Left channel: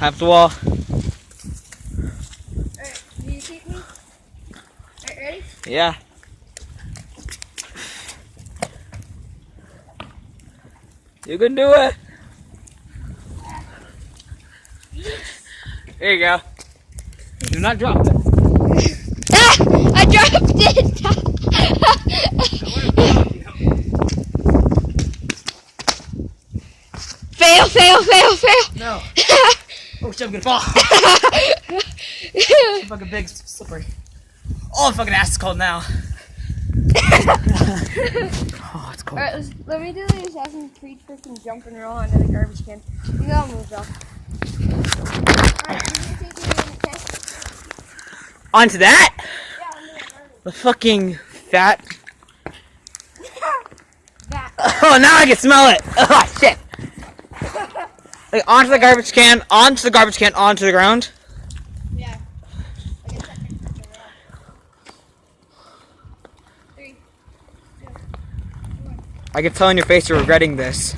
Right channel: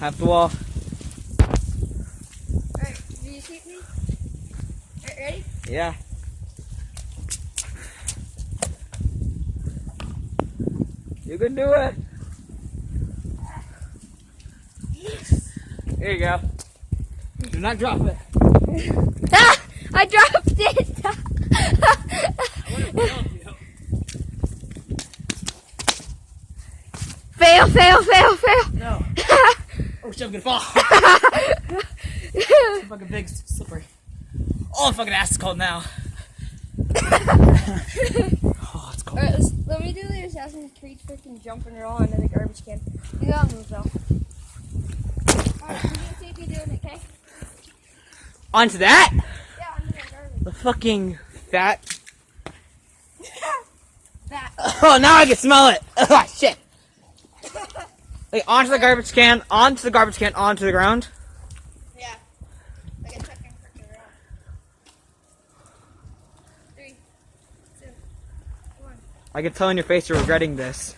Half the wall. Alright, do you keep me? Alright, ready? Yeah. You can do it. There you go. Do not drop it. Ah! I dropped it! Fail, fail, fail, fail! No. Oh shit, I'm gonna fall. Fucking big, slippery. Oh, my fucking ass is cold now. Oh, it's cold. Alright, let me do the Assassin's Creed freaking jump and roll into the garbage can. You gotta move though. Alright, you take it, okay? Onto that? Yeah, onto the garbage. The fucking fat. That. Oh, now I can smell it. Oh, shit. Like, onto the garbage can, onto the garbage can, onto the ground. Yeah. Like a second freaking roll. 3, 2, 1. I can tell in your face you're regretting this.